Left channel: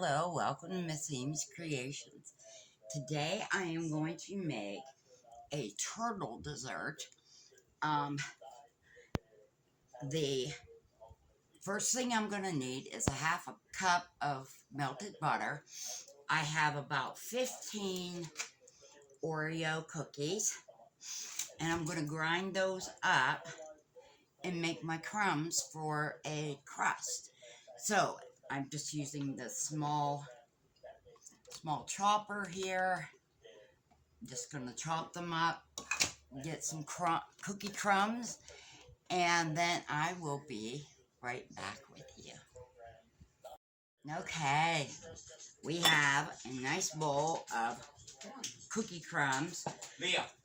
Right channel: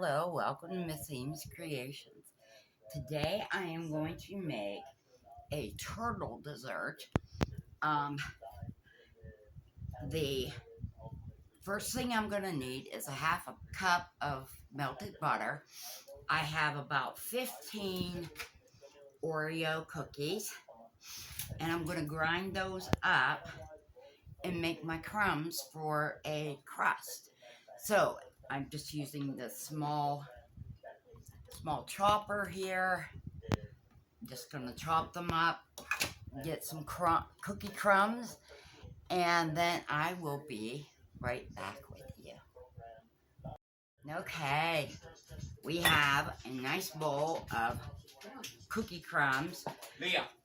Hello, welcome to Miss Amy's Creations. Today I am going to make a turtle dessert. The first thing I'm going to need is a half a cup of melted butter. I have about 15 Oreo cookies, and I'm going to grind those up and make my crumbs for a crust. So I'm just using the small chopper here. Just gonna chop them up, get some cookie crumbs, and then I will be right back with you. Okay, we have a nice bowl of cookie crumbs,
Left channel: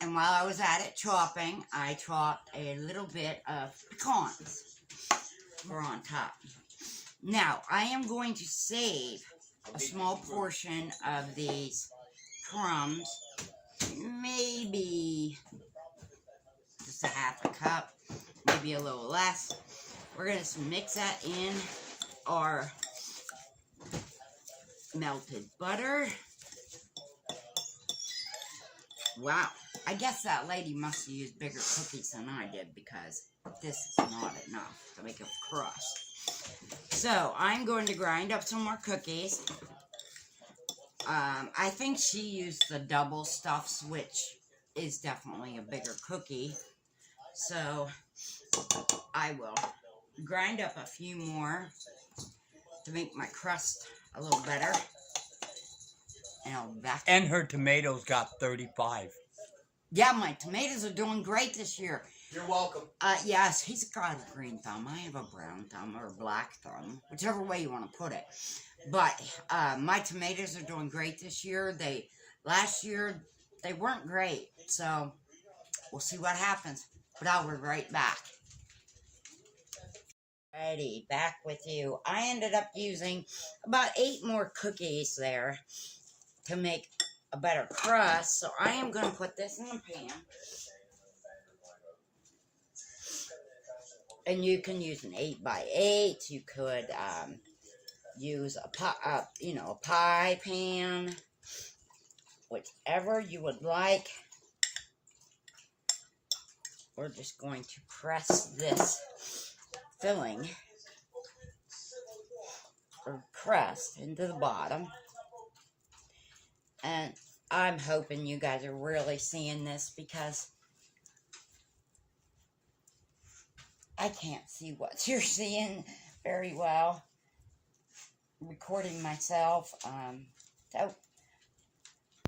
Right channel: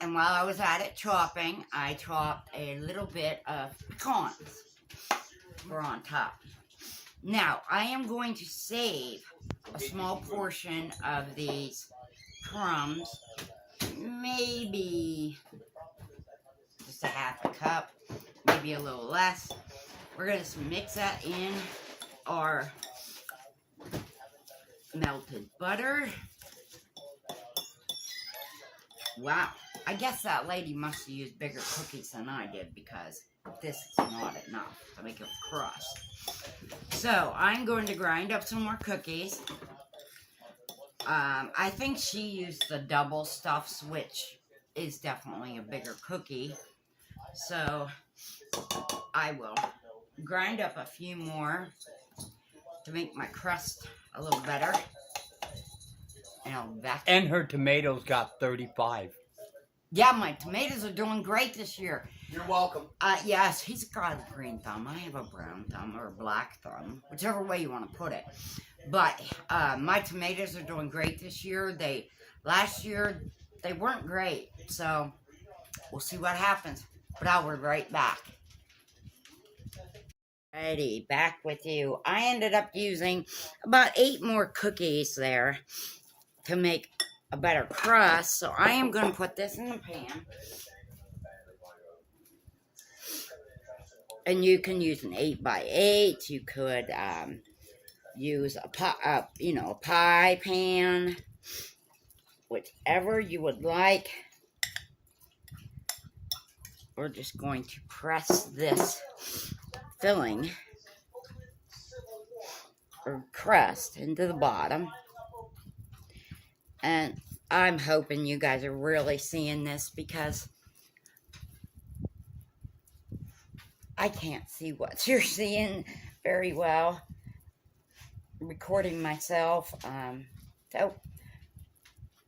and while I was at it chopping, I chopped a little bit of pecans for on top. Now, I am going to save a small portion of these crumbs, maybe just a half a cup, maybe a little less. We're going to mix that in our melted butter. Wow, I guess that lady must have used bigger cookies than I did, because this is not enough to make a crust. So I'm going to grind up some more cookies. I think she used the double stuffs, which is definitely a bigger cookie. So I will grind up a few more to make my crust a little better. And I'll be back. And her tomatoes got 35. Yeah, my tomatoes are doing great this year. You're welcome. Yes, he's got a green thumb. I have a brown thumb or a black thumb, whichever way you want to put it. But my tomatoes are doing great this year. Last year they weren't great, so we'll see what happens. But I'll be right back. Alrighty, back with you. I ended up using about 8 more cookies there to make a better crust. So I am going to put this in the pan. And you can use an 8x8. You could use a pie pan, whichever you would like. We're just going to press this filling or crust into the bottom. And I'm hoping you guys are really seeing this, because I can't see what you're seeing very well. Recording myself. So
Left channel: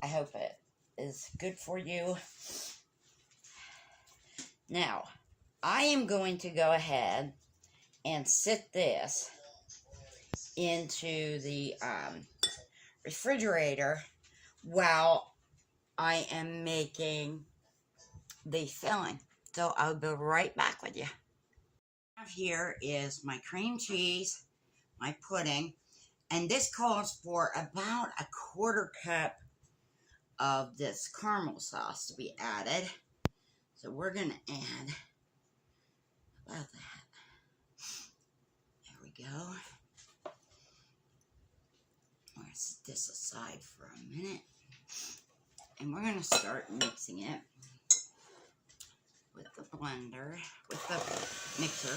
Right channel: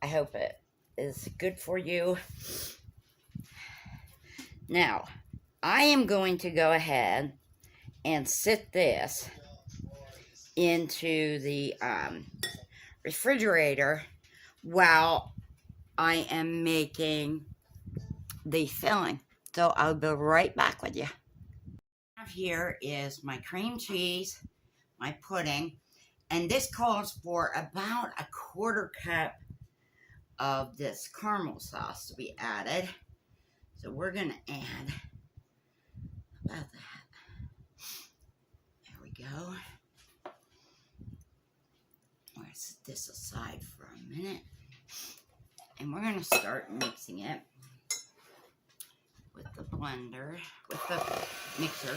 I hope it is good for you. Now, I am going to go ahead and sit this into the refrigerator while I am making the filling. So I'll be right back with you. Here is my cream cheese, my pudding, and this calls for about a 1/4 cup of this caramel sauce to be added. So we're going to add about that. There we go. I'm going to set this aside for a minute. And we're going to start mixing it with the blender, with the mixer.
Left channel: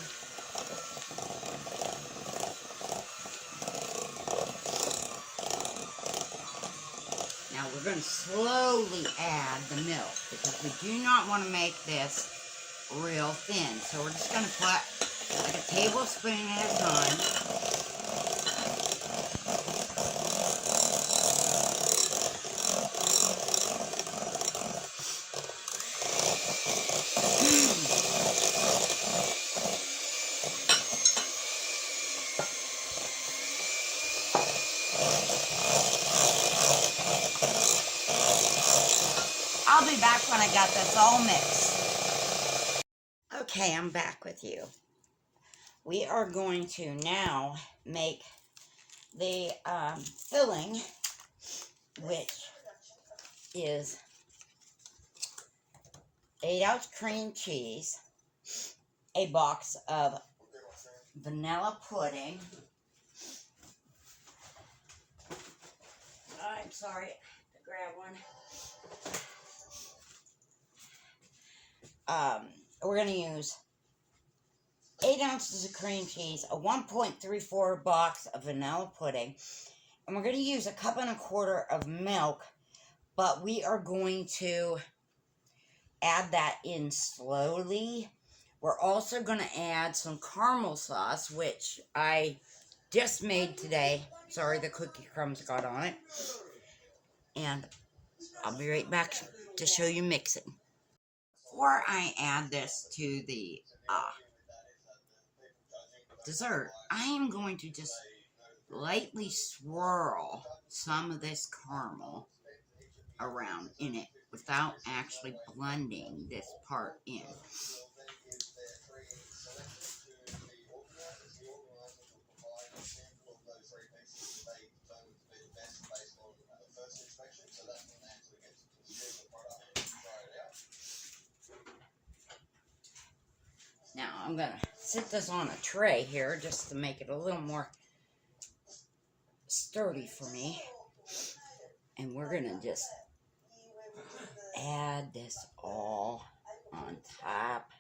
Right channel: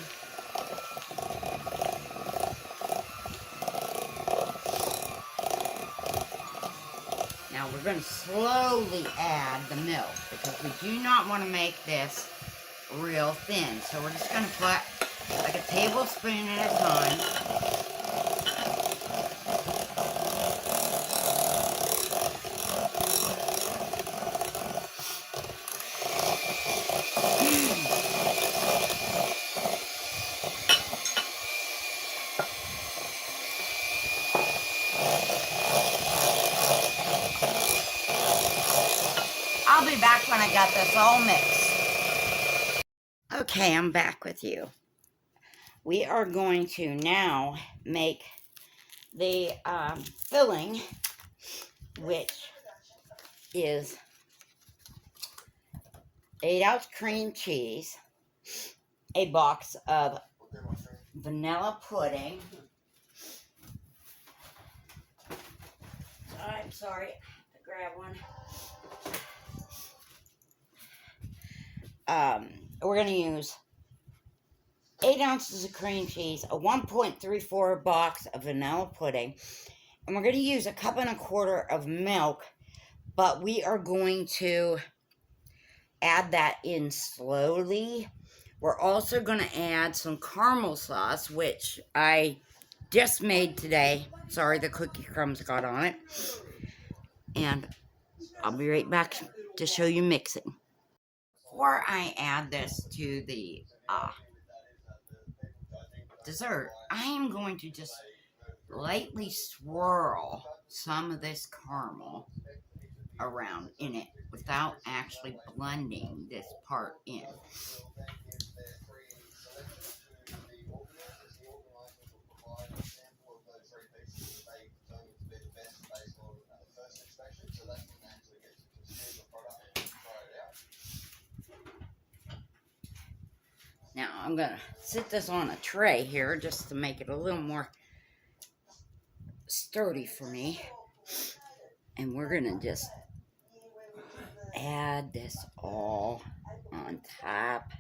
Now we're going to slowly add the milk, because we do not want to make this real thin. So we're just going to put like a tablespoon at a time. I'll be back when I got this all mixed. Okay, I'm back with you. We are going to now make the filling, which is 8-ounce cream cheese, a box of vanilla pudding, I'm sorry. I have to grab one. We're going to use 8 ounces of cream cheese, a 1.34 box of vanilla pudding, and we're going to use a cup and a quarter of milk, but we are going to add that in slowly. We're also going to add some caramel sauce, which I just made today. Sorry, the cookie crumbs got on it. And I'll be right back to show you mixing. Before I add this to the dessert, I am going to just lightly swirl some of this caramel around in it without actually blending this part in. Now I'm going to sit this on a tray here just to make it a little more sturdy for me. And we're going to just add this all on top.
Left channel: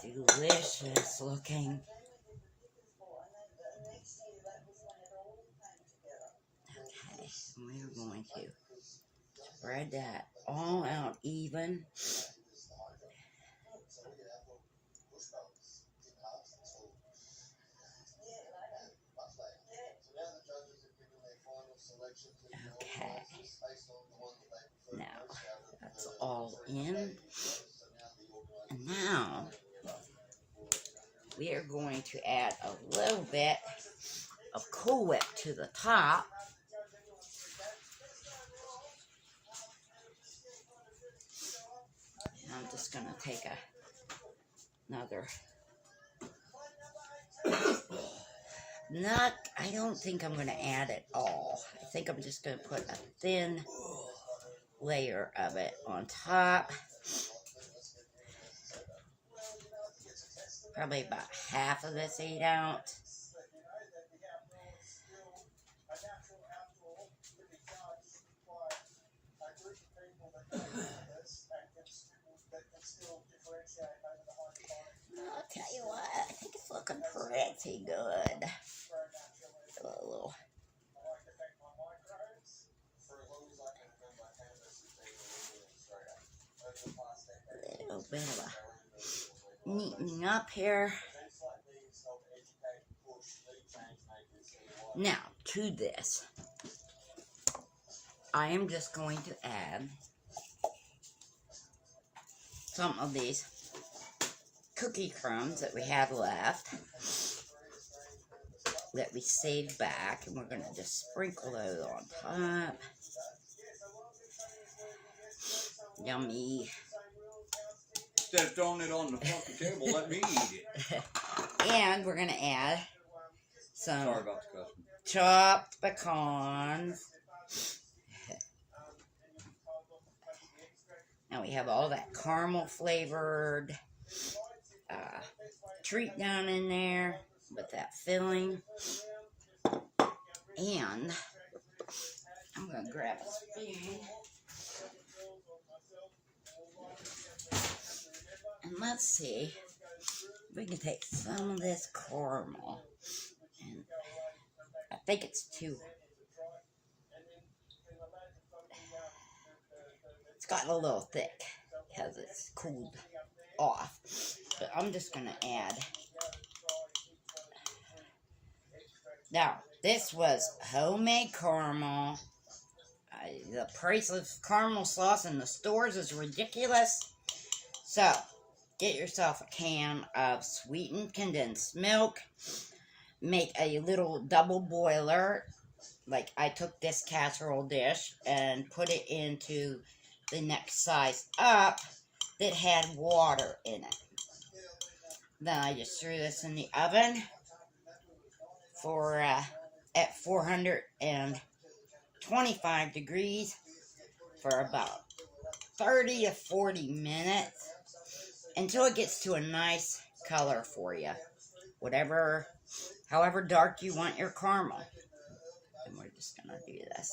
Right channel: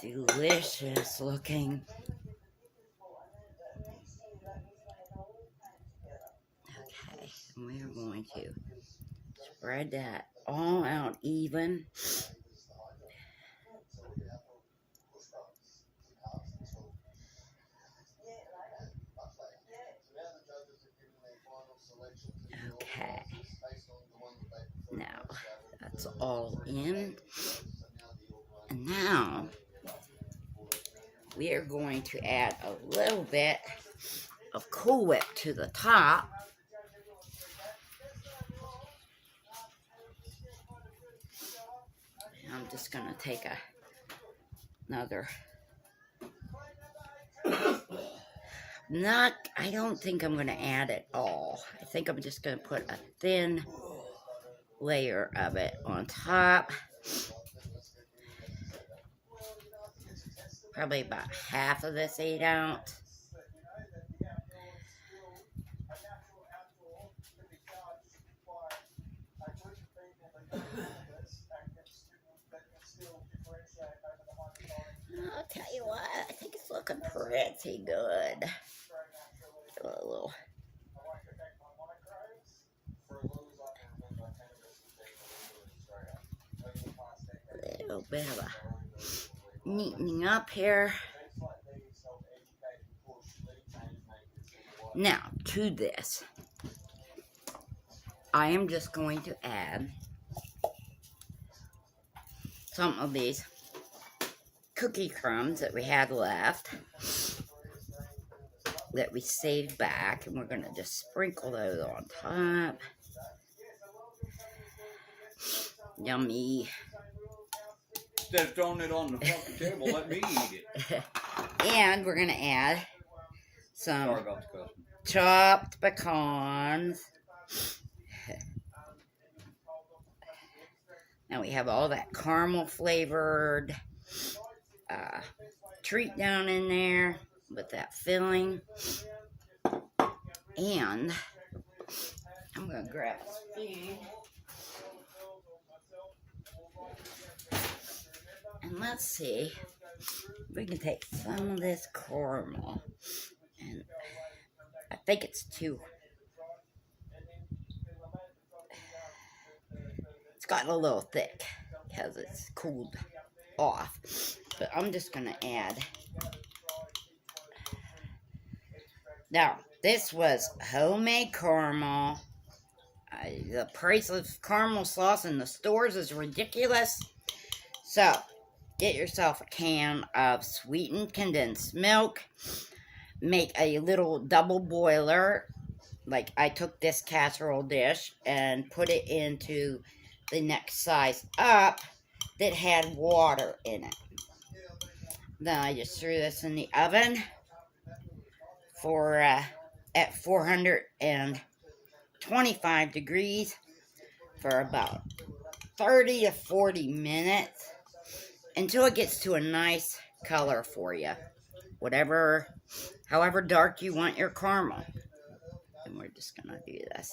Delicious looking. Okay, and we are going to spread that all out even. Okay, now that's all in, and now we are going to add a little bit of Cool Whip to the top. And I'm just going to take another. I don't think I'm going to add it all. I think I'm just going to put a thin layer of it on top. Probably about half of this 8 ounce. I'll tell you what, I think it's looking pretty good. A little bit of a neatening up here. Now, to this, I am just going to add some of these cookie crumbs that we had left that we saved back, and we're going to just sprinkle those on top. Yummy. Instead of throwing it on the fucking table, let me eat it. And we're going to add some chopped pecans. Now we have all that caramel flavored treat down in there with that filling. And I'm going to grab a spoon. And let's see if we can take some of this caramel. And I think it's too. It's gotten a little thick because it's cooled off. But I'm just going to add. Now, this was homemade caramel. The price of caramel sauce in the stores is ridiculous. So, get yourself a can of sweetened condensed milk. Make a little double boiler. Like, I took this casserole dish and put it into the next size up that had water in it. Then I just threw this in the oven for at 425 degrees for about 30 to 40 minutes. until it gets to a nice color for you. However dark you want your caramel. And we're just gonna do this.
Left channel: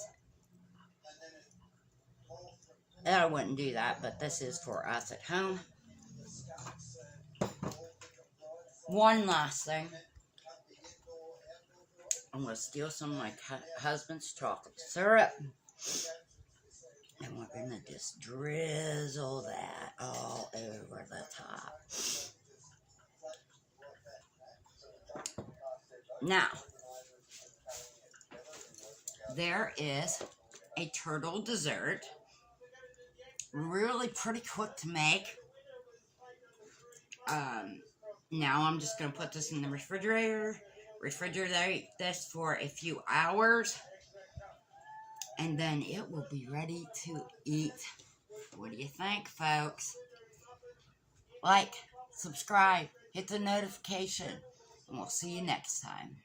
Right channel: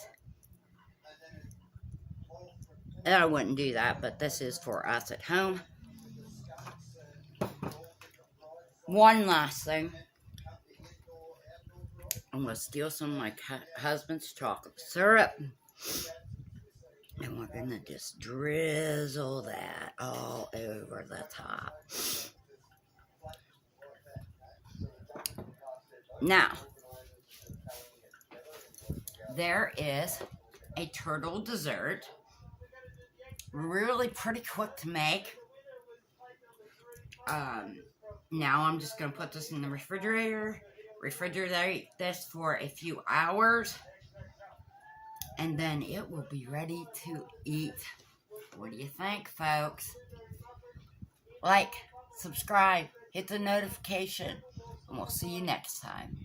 And I wouldn't do that, but this is for us at home. One last thing. I'm going to steal some of my husband's chocolate syrup. And we're going to just drizzle that all over the top. Now, there is a turtle dessert. Really pretty quick to make. Now I'm just going to put this in the refrigerator. Refrigerate this for a few hours. And then it will be ready to eat. What do you think, folks? Like, subscribe, hit the notification, and we'll see you next time.